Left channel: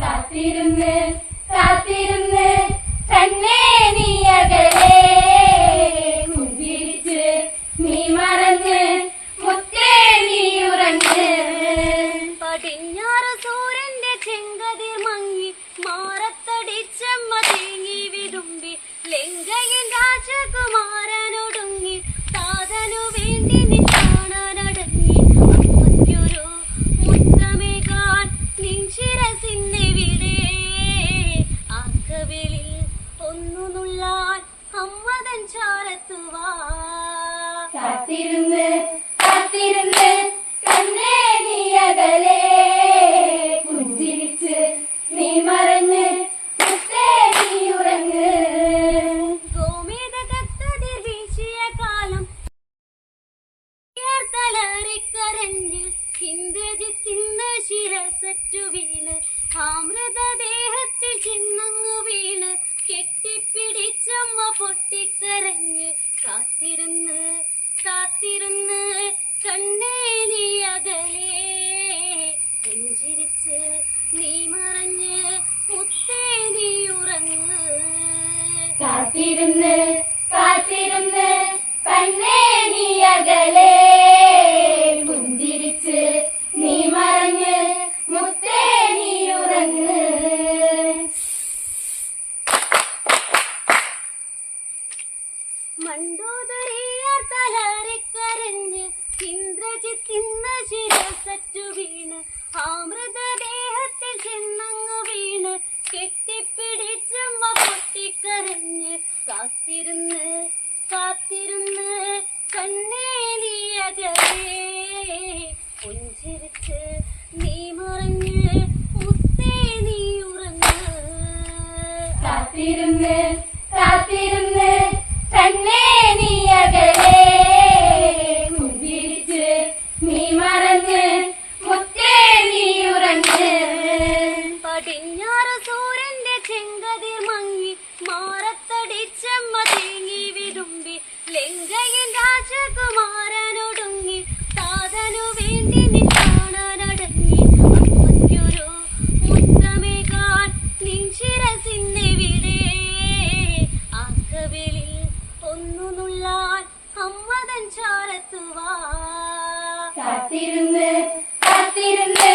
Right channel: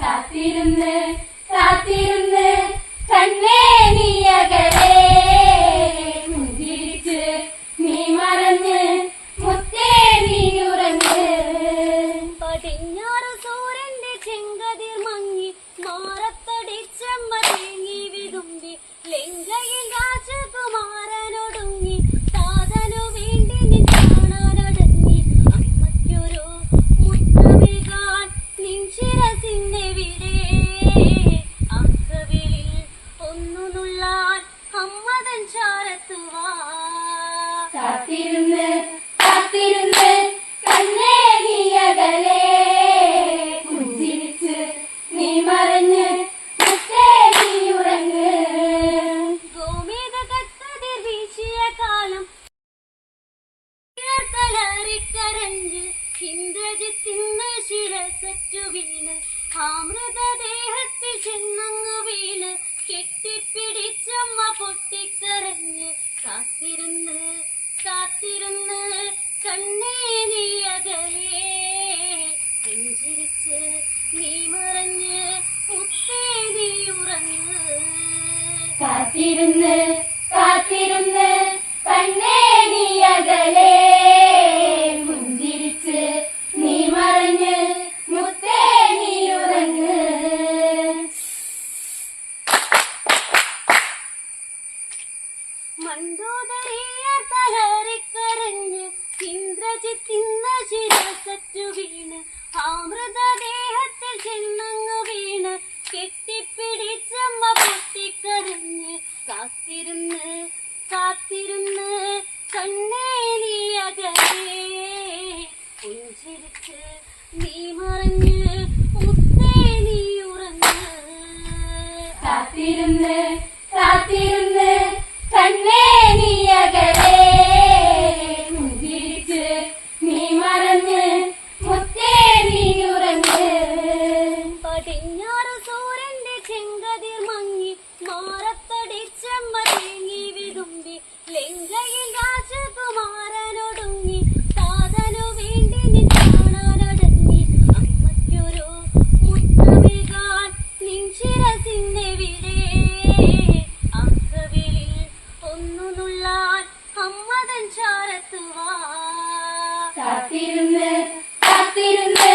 കാത്തിരുന്ന് കാത്തിരുന്ന് കാത്തിരുന്ന് കാത്തിരുന്ന് കണ്ണേ നീ അകലേ. പുഞ്ചിരിച്ച് നീ മറഞ്ഞ് മുത്തേ നീ ഉറങ്ങ്. വീശിയ കാലം തലറിക്കരഞ്ഞ് ഇന്ദ്രജിത്തിന്ന ശിരസറ്റു വീണ് ആമൃതദേഹത്തിൽ ചെന്നങ്ങു വീണ് കെട്ടിപ്പിടിച്ചമ്മ പൊട്ടിക്കരഞ്ഞ് കാത്തിരുന്ന് നീ മറഞ്ഞ് മുത്തേ നീ ഉറങ്ങ്. കാത്തിരുന്ന് കാത്തിരുന്ന് കണ്ണേ നീ അകലേ. പുഞ്ചിരിച്ച് നീ മറഞ്ഞ് മുത്തേ നീ ഉറങ്ങ്. മണ്ടോദറിയർ തലറിക്കരഞ്ഞ് ഇന്ദ്രജിത്തിന്ന ശിരസറ്റു കാത്തിരുന്ന് കണ്ണേ നീ അകലേ പുഞ്ചിരിച്ച് നീ മറഞ്ഞ് മുത്തേ നീ ഉറങ്ങ് കാത്തിരുന്ന് അമ്മതൻ ചാരത്തുവാ. കാത്തിരുന്ന് കാത്തിരുന്ന്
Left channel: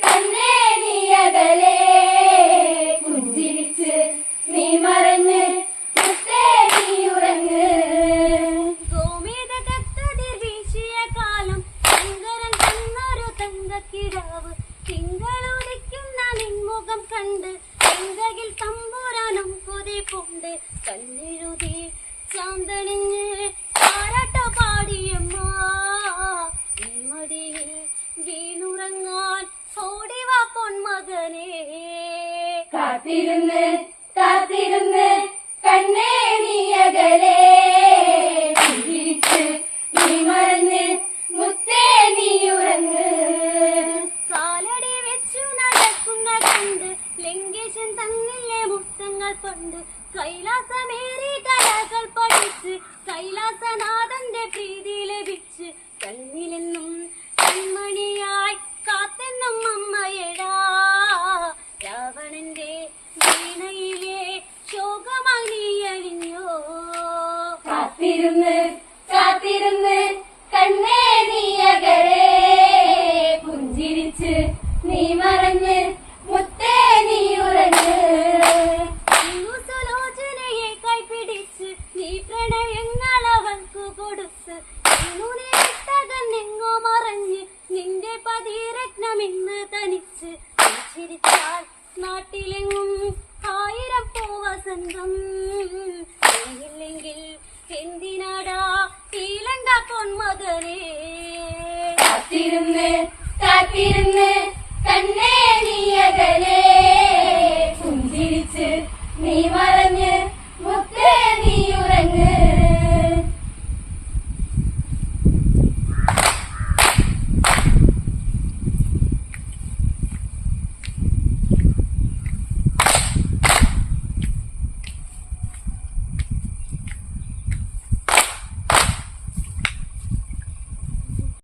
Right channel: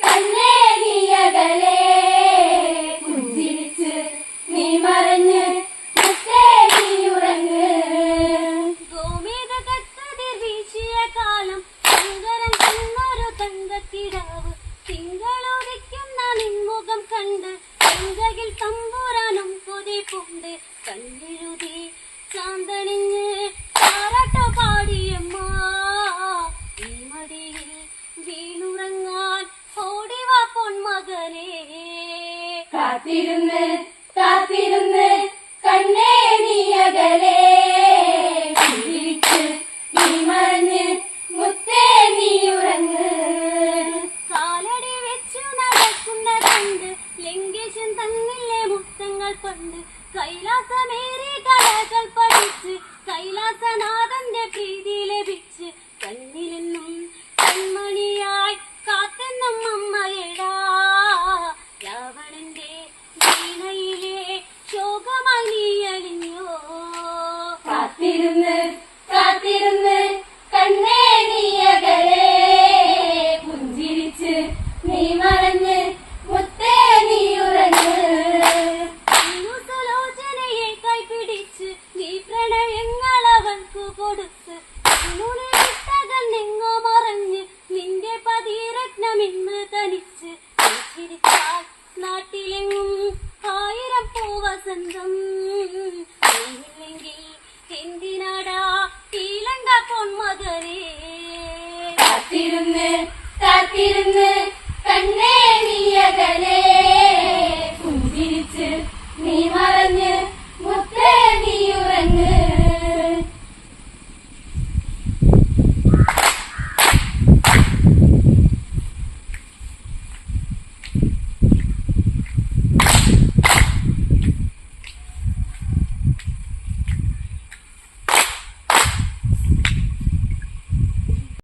കണ്ണേ നീ അകലെ പുഞ്ചിരിച്ച് നീ മറഞ്ഞ് നിൻമുഖം കണ്ട് തമ്പൂരാനും തമ്പുരാനും പൂണ്ട് കണ്ണെഴുതി ചാന്തണിഞ്ഞ് പൊന്മകനേ. കാത്തിരുന്ന് കാത്തിരുന്ന് കണ്ണേ നീ അകലെ പുഞ്ചിരിച്ച് നീ മറഞ്ഞ് മുത്തേ നീ ഉറങ്ങ്. കാലടി വെച്ചു നടക്കുന്ന കണ്ട് ലങ്കേശൻ തന്നില്ലേ മുത്തങ്ങൾ കൊണ്ട് കൈലാസമേറി കലകൾ പഠിച്ച് കൈലാസനാഥന്റെ പ്രീതി ലഭിച്ച് കണ്ണിലെന്നും കൺമണിയായി കാത്തിരുന്ന് കാത്തിരുന്ന് കണ്ണേ നീ അകലെ പുഞ്ചിരിച്ച് നീ മറഞ്ഞ് മുത്തേ നീ ഉറങ്ങ് സുലോചനയെ കൈപിടിച്ച് നീ പ്രണയങ്ങൾ അവൾക്ക് കൊടുത്ത് എങ്ങോ മറഞ്ഞ് നിന്റെ പതിരത്നം ഇന്ന് തനിച്ച് ചിരിച്ചാൽ നാട്ടിലെങ്ങും ആയിരം നീയില്ലെങ്കിൽ എന്തിനാടാ ഈലങ്ക പൊന്മകനേ? കാത്തിരുന്ന് കാത്തിരുന്ന് കണ്ണേ നീ അകലെ